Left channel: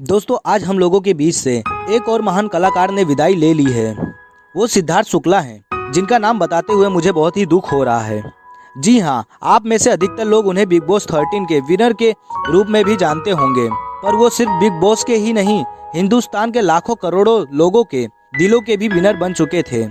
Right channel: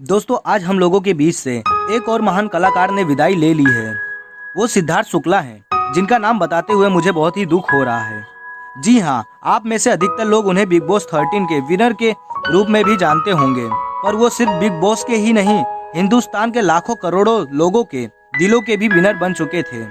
दोस्तों आज हम लोगों के बीच से एक और महान कलाकार ने विदाई ले ली है। वो सिद्धार्थ शुक्ला हैं, जिनका नाम बताते हुए मुझे बहुत ही दुख हो रहा है। जी हाँ, आप में से अधिकतर लोग उन्हें बिग बॉस 13 के विनर के रूप में भी जानते होंगे, पर वो सिर्फ बिग बॉस के ही नहीं, हिंदुस्तान के लाखों करोड़ों लोगों के दिलों के भी विनर बन चुके थे।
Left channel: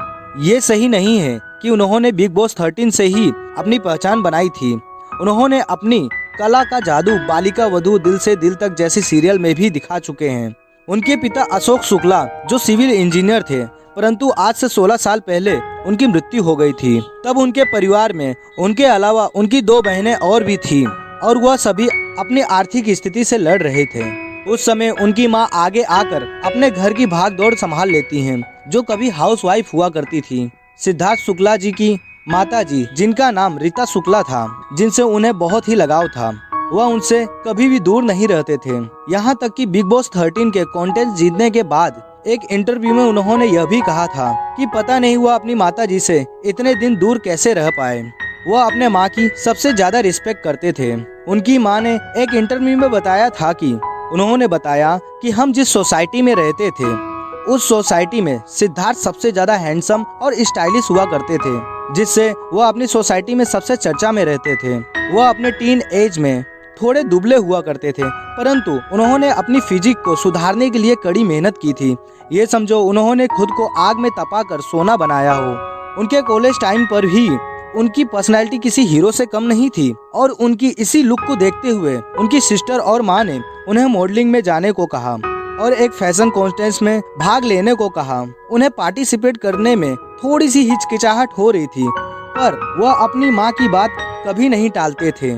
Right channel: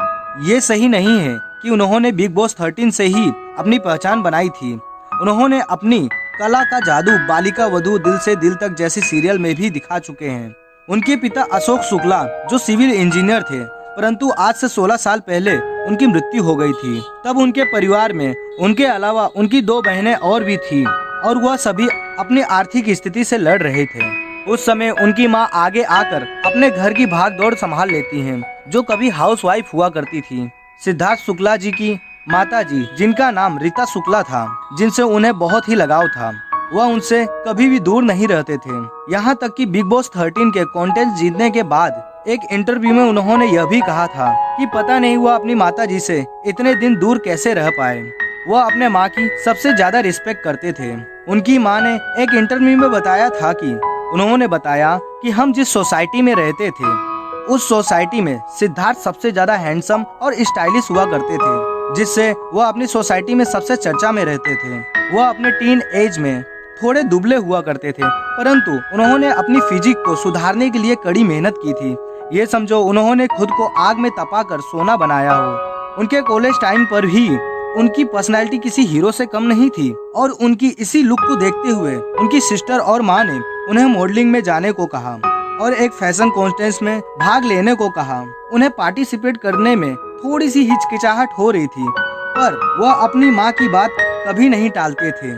ये सही नहीं है कि उन्होंने बिग बॉस 13 से ही अपनी पहचान बनाई थी। उन्होंने अपनी कला का जादू बालिका वधू, दिल से दिल तक जैसी सीरियल में भी दिखा चुके हैं। उनके पिता अशोक शुक्ला जो सिविल इंजीनियर थे, परंतु आज से 16 साल पहले उनकी मृत्यु हो गई थी। तब उनके परिवार में उनके अलावा उनकी 2 बहनें और भी थी और वह सभी अपनी आर्थिक स्थिति से लड़ रहे थे। उस समय उनकी मां आगे आकर अपने घर की भाग दौड़ संभाल लेती हैं, जो कभी हाउसवाइफ हुआ करती थी। सिद्धार्थ शुक्ला जी की माता जी, जिनका नाम रीता शुक्ला था, जिनसे उन्हें बहुत ही लगाव था, वह उनसे कभी भी दूर नहीं रहते थे। यहाँ तक कि बिग बॉस 13 के कॉन्टेस्ट जीतने के बाद एक इंटरव्यू में उन्होंने यह भी कहा था कि पता नहीं वह अपनी माता जी से इतने दिन दूर कैसे रह पाए। वह अपने माँ की सबसे ज्यादा रिस्पेक्ट करते थे। उनकी माँ ने एक इंटरव्यू में बताया था कि उन्होंने बताया कि हम जिस सोसाइटी में रहते थे, उस सोसाइटी में सिद्धार्थ सबसे ज्यादा हैंडसम और स्टाइलिश हुआ करते थे, जिससे वह अपनी सोसाइटी में सबसे चर्चा में रहते थे। वह अपने टीन एज में थोड़े दुबले हुआ करते थे, परंतु उन्होंने अपनी फिजिक को सुधारने के लिए कड़ी मेहनत की थी। ये समझो उन्होंने खुद को आग में तपाकर सोना बनाया हो। उनके कॉलेज टाइम पर भी उनकी पर्सनैलिटी किसी हीरो से कम नहीं थी और उनकी इसी लुक को देखते हुए उनकी सिस्टर और माँ ने उन्हें मॉडलिंग में जाने को कहा और एक फैशन कॉन्टेस्ट में भाग लेने को कहा। उन्हें पार्टिसिपेट करने में थोड़ी सी हिचकिचाहट हो रही थी, पर वह अपनी माँ की बात कभी नहीं टालते थे।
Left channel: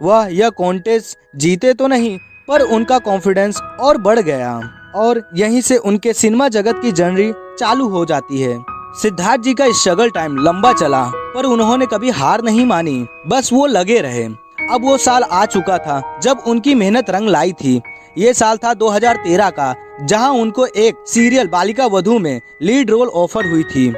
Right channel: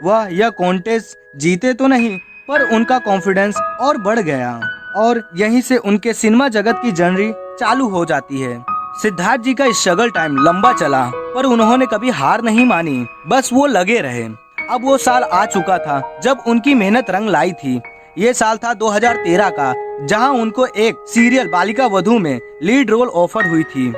वह यह कॉन्टेस्ट जीते तो नहीं, पर उनका कॉन्फिडेंस और बढ़ गया और यहीं से उनके सिनेमा जगत की जर्नी चालू हो जाती है। सिद्धार्थ जी का स्ट्रगल टाइम लंबा चला, पर उन्होंने कभी हार नहीं मानी, बस वो लगे रहे। अब वो साल आ चुका था जब उनकी मेहनत रंग लाई थी। ये साल था 2013 का, जहां उनको एक सीरियल बालिका वधू में लीड रोल ऑफर हुई थी,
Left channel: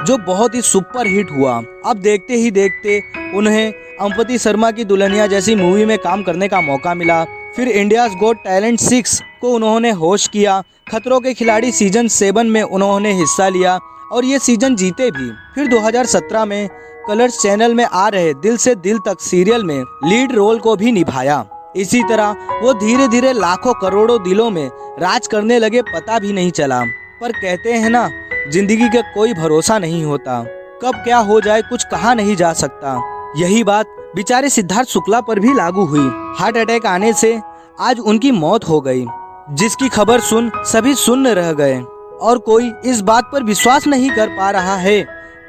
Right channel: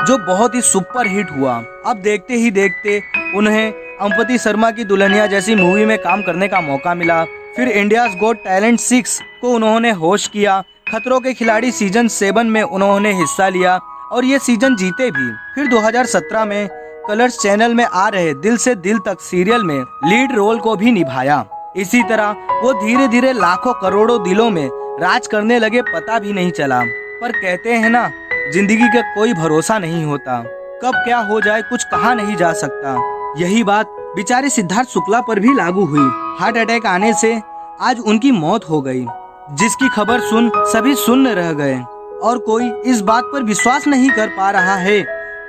जो बहुत ही सुपर हिट हुआ। अब देखते ही देखते उन्हें अंपति शर्मा की दुल्हनिया जैसी मूवी में काम करने का मौका मिला। फिर इंडियाज गॉट टैलेंट 6 को उन्होंने होस्ट किया। खतरों के खिलाड़ी सीजन 7 में उन्होंने हिस्सा लिया और ये सीजन जीते भी। फिर 2017 में कलर्स चैनल में आ रहे दिल से दिल तक सीरियल में लीड रोल को भी निभाया। इसी तरह वो धीरे धीरे लाखों करोड़ों दिलों में राज करने लगे, पता भी नहीं चला। पर कहते हैं ना, जिंदगी का कोई भरोसा नहीं होता, कब क्या हो जाए कुछ कहा नहीं जा सकता। यही बात बेचारे सिद्धार्थ शुक्ला पर भी लागू हुई। हार्ट अटैक आने से आज उनकी मौत हो गई, जिसकी खबर सुन सभी सुन्न रह गए और कोई इस बात पर विश्वास नहीं कर पा रहा है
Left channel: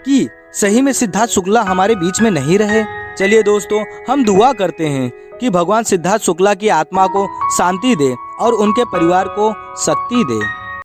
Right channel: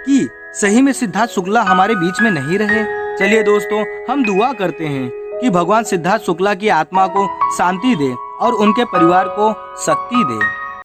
कि सही में सिद्धार्थ शुक्ला हमारे बीच में नहीं रहे। चलिए दोस्तों, हम दुआ करते हैं कि भगवान सिद्धार्थ शुक्ला की आत्मा को शांति दे और उनके परिवार को शक्ति दे।